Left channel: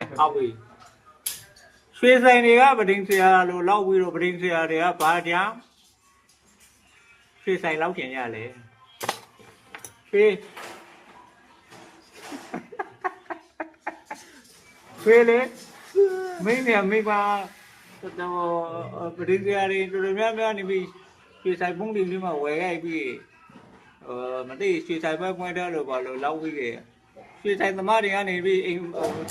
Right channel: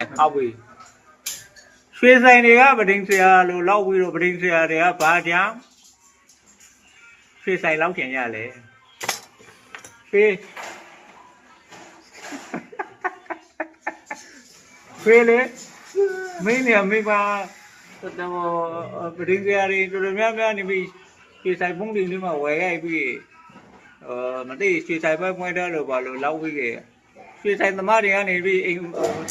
ဟုတ်ပြီရွှေဆိုင်တွေကပဒိန်ဆရာလို့လောက်ပြီးတော့ပဒိန်ဆရာတွေကဘာကြောင့်ရွှေဆိုင်လောက်ကျင်ရလဲရွှေလေမင်းเนี่ยမိပါတော့ပဒိန်ဆရာတွေတော်တော်များများနေပြီးရွှေဆိုင်ပုံးတင်လေးမှာဝယ်ခဲ့ပြီးမသိရွှေဆိုင်ပွဲပွင့်တယ်လို့ပါလို့လောက်ပြီးခဲ့ရွှေဆိုင်သမားတွေကနေပြီးအိမ်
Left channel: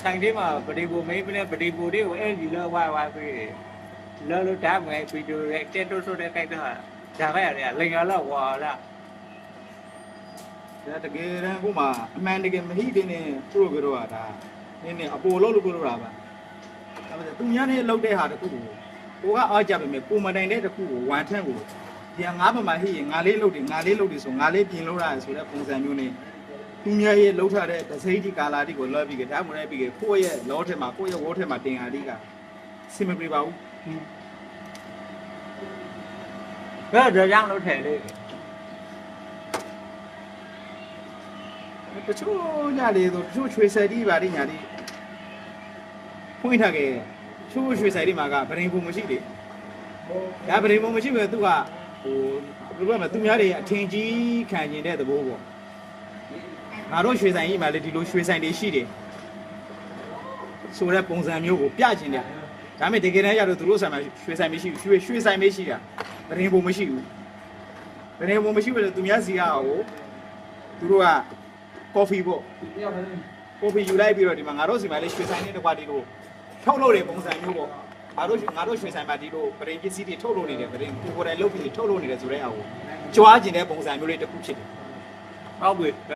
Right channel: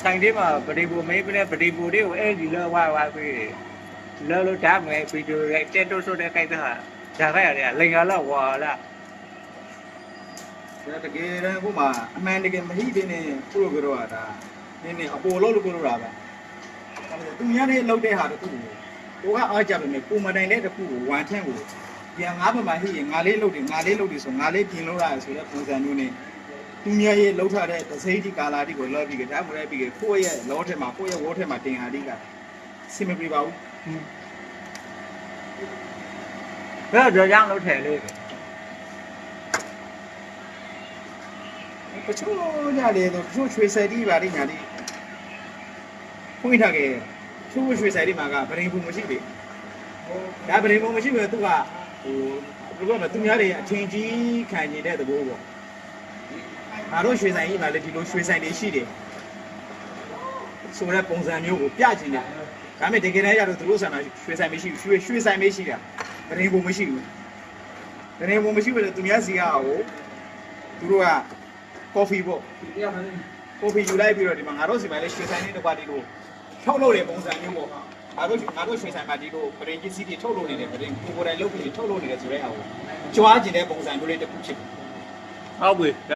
ဆိုင်ထဲမှာပဒိန်ဘူမင်းပြတဲ့ပဒိန်ဘူတွေကိုအဲ့ဒီလောဝါပြီးလောလို့ဓာတ်မယ်ဗီဒီယိုရိုက်တက်တော့ဆိုတဲ့ခိုက်တာဒါခိုက်ရတယ်လိန်ကားတော့ဝါလာ တကယ်တမ်းကိုမှအမှန်တကယ်မဟိတဲ့နဲ့သူ့ကိုပြောတာနင်းနေအပေါ်လို့ပြောတာပါသူများနဲ့လောက်တဲ့ဟာတခုကိုကအားကြပါမယ်ကိုမတိုင်တဲ့တခုကိုဝမ်ထန့်ကိုဒီငါးပမာဟိရင်ငါလေးလုတ်တယ်ဆိုငါလေးပြင်လို့ရတယ်ဆိုတဲ့ပုံစံမျိုးနဲ့သူများရဲ့လှုပ်ထားတဲ့ဒစိတိကာလာတိကိုလောက်ပြီးကြဒါမှမဟုတ်ပြီးကိုယ့်ရဲ့လောထဲမှာကိုယ့်ရဲ့ဝေါထဲမှာတင်ဟာတိကစင်မပြေပါဘူးဘယ်တော့ကြောင့်လို့ထဲလေ တချို့ညလေတော့တချို့ရွှေစက်တီးပါလိမ့်ညာလေးဖွင့်ထားခဲ့တချို့ရွှေစက်တီးမှာကဗရင်ဘူးမရှိလေဒါဗရင်ဘူးမရှိပဲသူကဟိုဘယ်လိုလဲသူများတွေအထင်ကြီးခံနေတဲ့သဘောပေါ့ငါတို့ရွှေဆိုင်ကြီးမှာလေဒီလိုရွှေဆိုင်တွေရှိတယ်ဆိုတဲ့ပုံစံမျိုးကိုပြချင်တယ်ဒါပေမဲ့တကယ်တမ်းကျတော့သူတို့ဆိုင်မှာရွှေဆိုင်မရှိဘူးရွှေဆိုင်မရှိတာဗရင်ဘူးမရှိဘူးဗရင်ဘူးမရှိဘူးလေသူများစီကဟိုသူတို့ကကော်ဖီပေါ့ကော်ဖီယူလိုက်ပြီးတော့ဒီမှာငါတို့စီမှာလည်းရွှေဆိုင်လေးတစ်ခွက်ဒီလိုထုတ်လို့တဲ့ပုံစံမျိုးပေါ့ငါတို့ရွှေဆိုင်မှာဒီလိုပရင်ကြီးစီးတွေထုတ်လို့နေတယ်ပရင်ကိုယ်တိုင်လုပ်ပြီးထုတ်လို့နေတယ်ဆိုတဲ့ဟာကိုကြွားကျင်တဲ့ပုံစံမျိုးလေးတစ်ခုဖြစ်တယ် ဟုတ်ပြီ